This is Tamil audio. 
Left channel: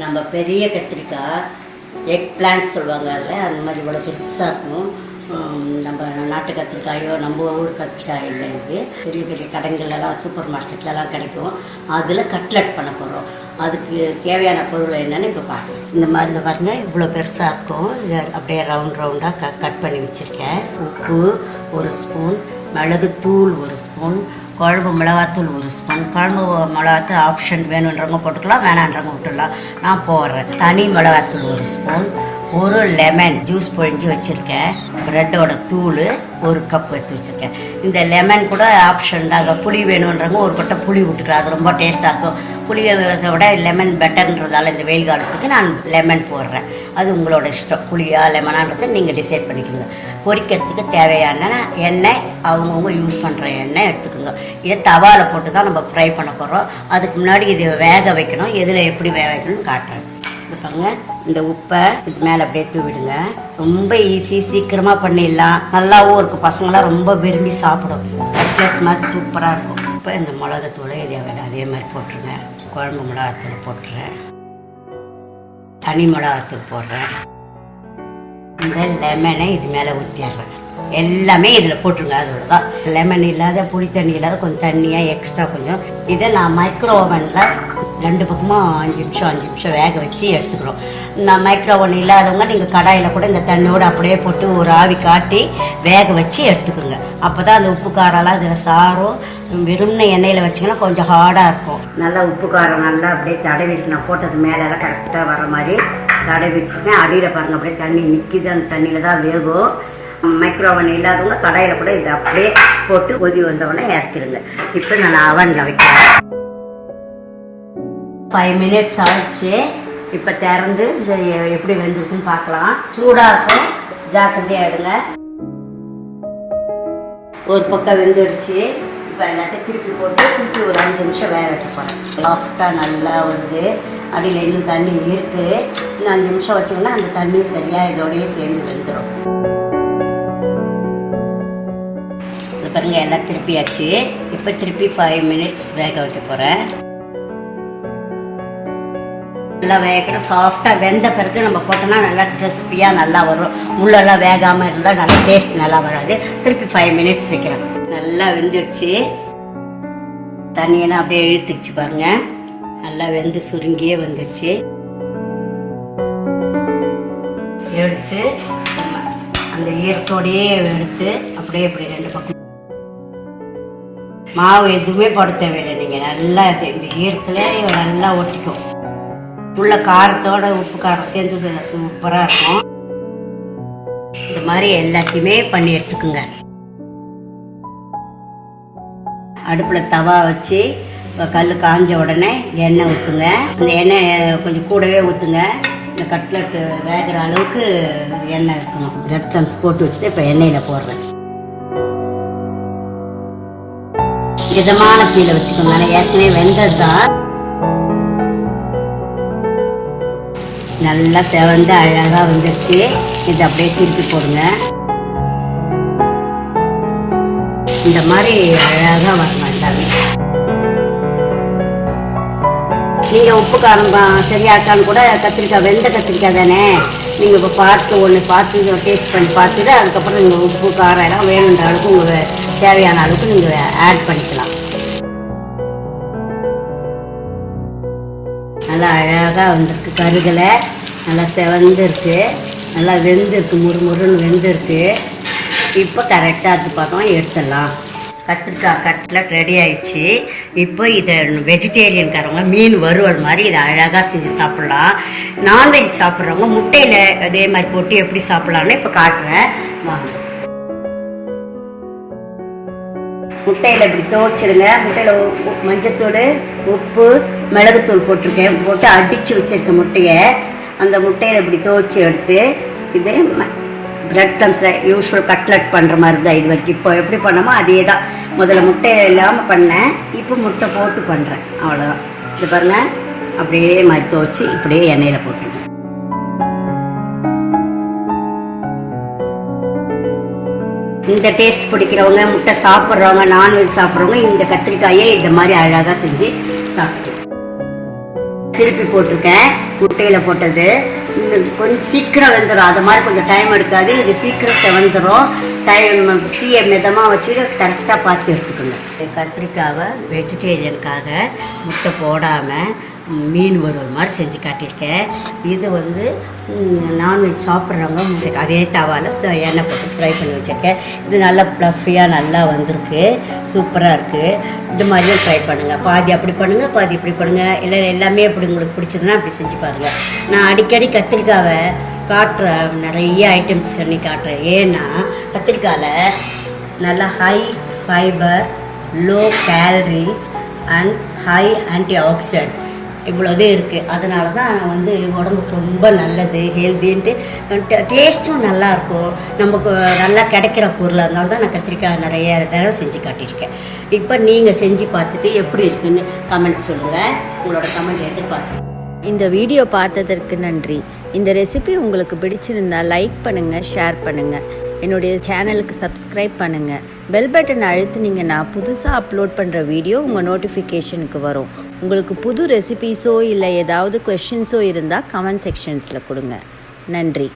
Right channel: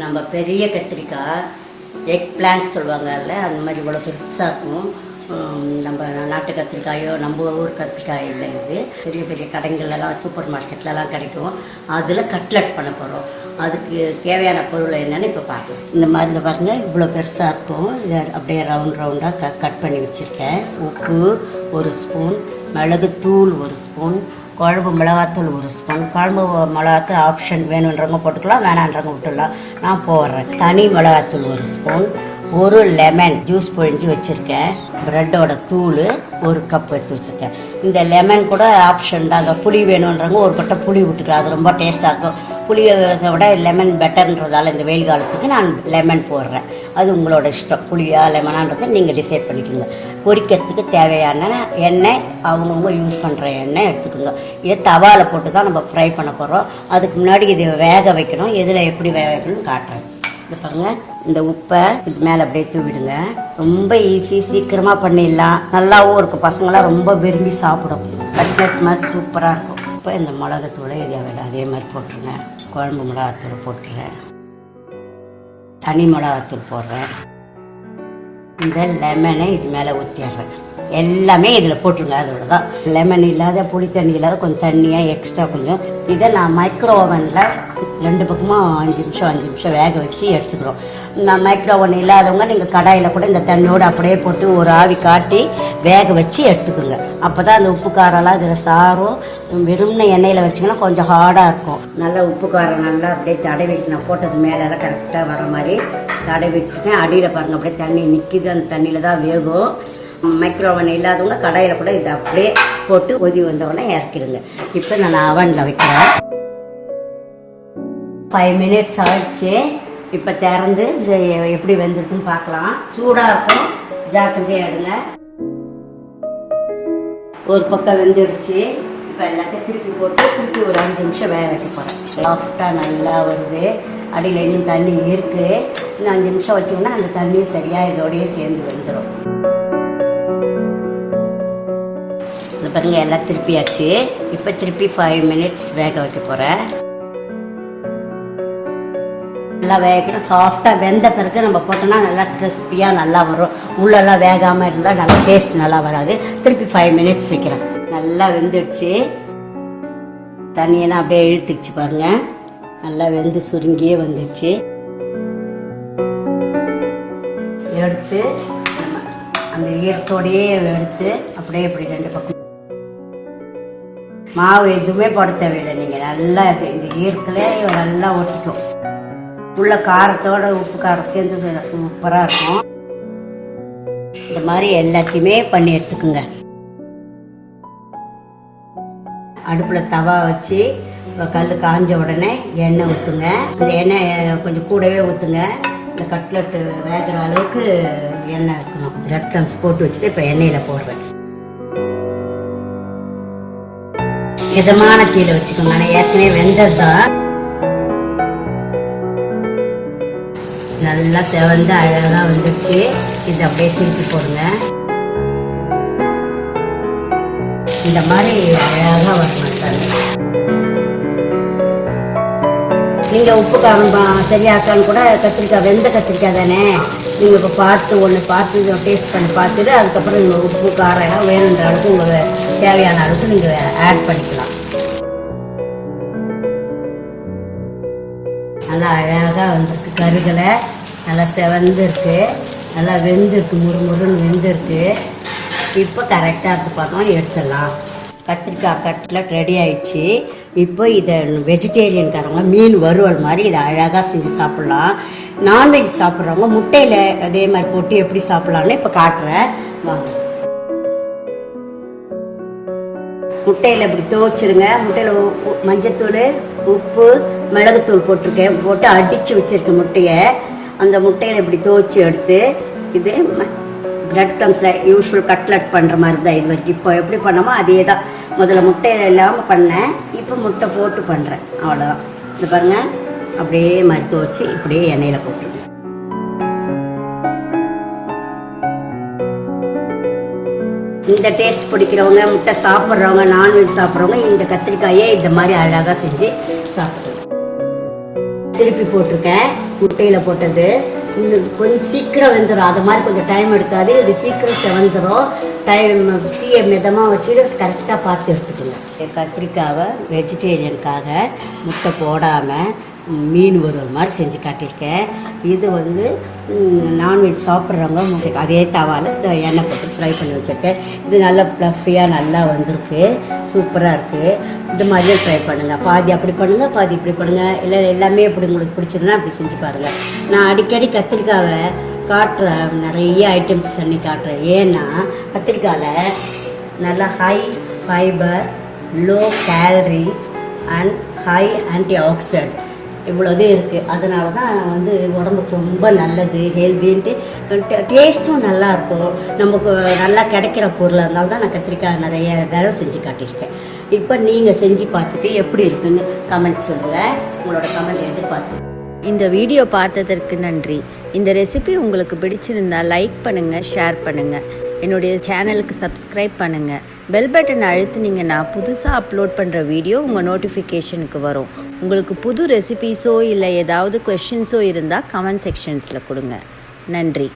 நம்ம பெரிய கத்திரிக்காய் எக் பிளான்ட் சொல்லுவாங்கல்ல, அந்த மாதிரி இவ்வளோ பெருசாக இருக்கும். நம்ம நாட்டு கத்திரிக்காயோ நம்ம ஊர் கத்திரிக்காய் இல்லை, இது பெரிய பெரிய கடைகள்லாம் சூப்பர் மார்க்கெட்லலாம் கிடைக்கும். அதில் கட்லெட் பண்ண போகிறோம். அதுக்கு தேவையான பொருள் என்னென்னு இப்போ பார்க்கலாம். இந்த மாதிரி பாருங்கள், இவ்வளோ பெருசாக இருக்கும். இதை அப்படியே ரவுண்டாக கட் பண்ணி வச்சுருக்கேன். உப்பு 1 ஸ்பூன், மிளகுத்தூள் 1 ஸ்பூன், குழம்பு மிளகாத்தூள் 1 ஸ்பூன். குழம்பு மிளகாத்தூள் ஆப்ஷன், வேணுன்றவங்க போட்டுக்கலாம், வேணான்றவங்க விட்டுடலாம். நான் போடுறேன். தனி மிளகாத்தூள் 1 ஸ்பூன், 1 லெமன் ஜூஸ் பொழிஞ்சு வச்சுருக்கேன். ப்ரெட்டோட தூள் 1 கப் எடுத்து வச்சுருக்கேன். இந்த லெமன் கூட ஆப்ஷன் தாங்க. புளி வேணுன்றவங்க ஒரு கொட்டை புளி விட்டுக்கலாம், அது ரொம்ப டேஸ்ட்டாக இருக்கும். புளியை விட லெமன் பெட்டர்ன்றதால இந்த வெயில் காலத்துக்கு நான் லெமன் போடுறேன். அது உங்களோட இஷ்டம், புளியா லெமனான்றதை நீங்கள் டிசைட் பண்ணிக்கோங்க. பொரிக்கிறதுக்கு தேவையான எண்ணெய் அவங்கவுங்க யூஸ் பண்ணுற எண்ணெய் எடுத்துக்கோங்க. இதை தவாவில் போட்டு தான் நம்ம ஃப்ரை பண்ண போகிறோம். அதுக்கு முன்னாடி இது வேக வைக்கணும். எதில் எப்படி வேக வைக்கணும்னு காட்டுறேன். பாருங்க, இந்த உப்பை இது மேலே அப்படியே தூவிடுங்க. ரொம்ப ஈஸி, சீக்கிரமாக பண்ணிடலாம். நல்லாவும் இருக்கும். பசங்களாம் ரொம்ப விரும்பி சாப்பிடும். கட்லெட் மாதிரி சூப்பராக இருக்கும். இப்போ இந்த மிளகாத்தூளை அதே மாதிரி போட்டுருங்க. குழம்பு மிளகாத்தூள் போட்டுறேன், தனி மிளகாத்தூள் போடுறேன். இந்த லெமனை இது மேலே ஊற்றிடுறேன். எல்லாமே இதில் போட்டுருங்க. அதோட தான் லெமன் இல்லாத, புளி தண்ணி இல்லாத, கொஞ்சம் தண்ணியாக எக்ஸ்ட்ரா கொஞ்சம். இதை நான் மைக்ரோ ஓவனில் 2 பக்கமும் 5 நிமிஷம் வேக வச்சு எடுத்துக்கிறோம். நான் மைக்ரோ ஓவன் இல்லாதவங்க நீங்கள் கடாயில் கூட இந்த தண்ணியோடு அப்படியே போட்டு ஒரு ஆவி காட்டி வேக வச்சு எடுத்துக்கோங்க. அப்போ தான் அந்த உப்பு காரெல்லாம் இதில் சாரும். வெறும்ன எண்ணெயில் வச்சிங்கன்னா கொஞ்சம் ஹார்டாக இருக்கும். நல்லா உப்பு காரம் நல்லா அப்படியே தடவிட்டு நான் போட்டது மேலெல்லாம் கரெக்டாக வர மாதிரி தடவி வச்சுருக்கேன். அடியில் பாருங்கள், அப்படியே தண்ணி நிற்கிது. அந்த தண்ணியில் தான் வேகும். மைக்ரோவன் இல்லாதவங்க கடாயில் கூட இதை அப்படியே போட்டு கொதி வந்தவொடனே இறக்கிடுங்க. இப்போ நான் அவனில் வைக்கிறேன். 5 மினிட்ஸ் ஆயிடுச்சு. இப்போ திறந்து இது எப்படி வெந்திருக்குன்னு பார்க்கலாம். சூடாக இருக்கும், ஜாக்கிரதையாக எடுங்க. ஒரு பக்கம் வெந்துடுச்சு. இப்போ எல்லாத்தையும் திருப்பி போட்டு திருப்பி ஒரு 5 நிமிஷம் வேக வைக்க போகிறேன். சாஃப்டாக நல்லா வருது. அடியில் இன்னும் தண்ணி இருக்குது. இன்னும் 5 நிமிஷம் வச்சிங்கன்னா அந்த தண்ணி சரியாக இதோடையே சேர்ந்து வெந்துடும். இது பாருங்கள், எல்லாம் திருப்பியாச்சு. இப்போ திருப்பி 5 மினிட்ஸ் வேக வைக்க போகிறேன். நல்லா வேகணும். சாஃப்டாக வெந்த பிறகு நம்ம போட்டோம்னா நல்லா கிறிஸ்பியாக நல்லா வரும். உள்ளெல்லாம் வேகாமல் இருந்தால் நல்லா டேஸ்ட் நல்லா வராது. திருப்பி 5 மினிட்ஸ் வைக்கிறேன். நல்லா வெந்துடுச்சு. தண்ணியெல்லாம் அப்படியே இழுத்துடுச்சு பாருங்கள். நல்லா வெந்து சுருங்கியே வந்துடுச்சு. எடுத்து அந்த ஈரத்தோடையே எடுத்து அப்படியே இப்படி 2 பக்கம் மாவு எதுவுமே போட தேவையில்லை. நீங்கள் நல்லா இந்த ஈரத்தில் நல்லா ஒட்டிக்கும். உள்ள காரத்தோட உப்பு காரம் சேர்ந்து சூப்பராக இருக்கும். இந்த மாதிரி எல்லாத்தையுமே பண்ணி எடுத்துக்குங்க. அடுப்பில் தவா வச்சு கல் காஞ்ச உடனே எண்ணெய் ஊற்றுங்க. இந்த எண்ணெய் கொஞ்சம் கூடவே ஊற்றுங்க. இந்த கட்லெட்டு வேகிற அளவுக்கு எண்ணெய் வைக்கணும். பிரெட் க்ரம்ஸ் போட்டு வச்சுட்டு இப்போ எண்ணெயில் போடுறேன். மிதமான தீயில வச்சுக்கோங்க. ஆனால் ஏற்கனவே வெந்தது தான். நல்லா செவந்து அழகாக வந்துடுச்சு. இதை அப்படியே திருப்பி போடுங்க. இந்த மாதிரி அழகாக வரணும் எல்லாமே. நீங்கள் உப்பு காரம் சரியாக்கான்னு கூட கத்திரிக்காய், வெந்த கத்திரிக்காய் தானே, நீங்கள் இப்போ பார்த்து டேஸ்ட் பண்ணி பார்த்துட்டு அதுக்கப்புறம் நீங்கள் உப்பு காரம் எல்லாம் வேணுன்ற அளவுக்கு உங்களுக்கு தேவையான அளவுக்கு நீங்கள் ஆட் பண்ணிக்கலாம். நல்லா அழகாக வந்துருக்கு. கருகலை நல்லா செவந்துருக்கு. நல்லா வெந்திருக்கு, முறுமுறுன்னு வெந்திருக்கு. இப்போ கரெக்டாக இருக்கு. பார்த்தோம், எடுத்துடலாம். கத்திரிக்காய் கட்லெட் ரெடி ஆயிடுச்சு. இப்போ இதை வெஜிடேரியன்காரவங்க மீன் வறுவல் மாதிரி இதை அழகாக செஞ்சு சாப்பிட்லாம். நான்வெஜ் சாப்பிட்றவங்க முட்டையில் அதே மாதிரி போட்டு எப்படி சாப்பிட்லான்னு இப்போ காட்டுறேன் வாங்க. முட்டையில் இப்படி துவைச்சிடுங்க. முட்டையில் மஞ்சத்தூள், உப்பு, மிளகுத்தூள் போட்டிருக்கேன். போட்டு அடித்து வச்சுருக்கேன் முட்டையை. அந்த முட்டையில் இப்படி துவைச்சி எடுத்து இது பிரெட் க்ரம்ஸில் யூஸ்வல் கட்லெட் பண்ணுற மாதிரி தான் இது வரைக்கும். இப்போ எப்படி பண்ணமோ அதே தான். முதல்ல முட்டை இல்லாமல் பண்ணேன், இப்போ முட்டை போட்டு பண்ணுறேன். அவ்வளோதான். இது பாருங்கள், அப்படியே மாதிரி துவைச்சி இப்படியே எண்ணெயில் போட்டுருங்க. இந்த டேஸ்ட் பிடிக்கிறவங்க, முட்டை சாப்பிட்றவங்க, நான்வெஜ் சாப்பிட்றவங்க இந்த கத்திரிக்காயை இந்த மாதிரி அழகாக செஞ்சு சாப்பிடுவோம். திருப்பி போட்டிருக்கேன். முட்டையில் போட்டது கொஞ்சம் சீக்கிரம் வெந்துடும். அது மாதிரி கொஞ்சம் டைம் எடுக்காது. இது சீக்கிரம் செவந்துடும். டைம் தீயை மிதமாக வச்சுட்டு கரெக்டாக பார்த்து எடுத்துக்கணும். கத்திரிக்காவை வெஜிடேரியனுக்காக முட்டை போடாமல் மீன் வறுவல் மாதிரி செஞ்சு காட்டியிருக்கேன். இது வந்து நான்வெஜ் சாப்பிட்றவங்க முட்டைக்கு அதே தவாவில் எண்ணெய் போட்டு ஃப்ரை பண்ணி வச்சுருக்கேன். இது நல்லா ப்ளஃபியாக நல்லா வந்திருக்கு. சூப்பராக இருக்குது. இந்த மாதிரியே ட்ரை பண்ணுங்கள். பாதி அப்படி பண்ணுங்கள், பாதி இப்படி பண்ணுங்கள். இல்லை எல்லாமே இப்படி உங்களுக்கு பிடிச்சதுன்னா அப்படி செஞ்சு பாருங்கள். நான் அடிக்கடி கத்திரிக்காவை காட்டுறேன், நிறைய ஐட்டம்ஸ் பண்ணி காட்டுறேன். ஏன்னா கத்திரிக்காயில் நல்லா high fibre, low calories and high antioxidant இவ்வளோதே இருக்குது. அதனால தான் வந்து உடம்புக்கு ரொம்ப நல்லது, ஹெல்த்தின்ட்டு. டேஸ்ட்டும் நல்லாயிருக்கும். நமக்கு நல்லா கிடைக்கிற பொருளாக இருந்தாலும் தான் நான் கத்திரிக்காய் நிறைய தடவை செஞ்சு காட்டியிருக்கேன். இப்போ நீங்கள் செஞ்சு பார்த்துட்டு எப்படி இருக்குன்னு கமெண்ட் சொல்லுங்கள். உங்களோட கமெண்ட் எதிர்பார்த்து. இந்த வீடியோ பார்த்ததற்கு நன்றி. இந்த ரெசிபி உங்களுக்கு பிடிச்சிருந்தா லைக் பண்ணுங்கள், ஷேர் பண்ணுங்கள். என்னுடைய சேனலுக்கு சப்ஸ்கிரைப் பண்ணுங்கள். பெல் பட்டன் அழுத்துனீங்கன்னா புதுசாக அப்லோட் பண்ணுற வீடியோ உங்கள் நோட்டிஃபிகேஷனுக்கு வரும். உங்களுக்கு புது ரெசிபீஸோ இல்லை ஏதாவது கொஷின்ஸோ இருந்தால் கமெண்ட் செக்ஷன்ஸில் கொடுங்க. நன்றி.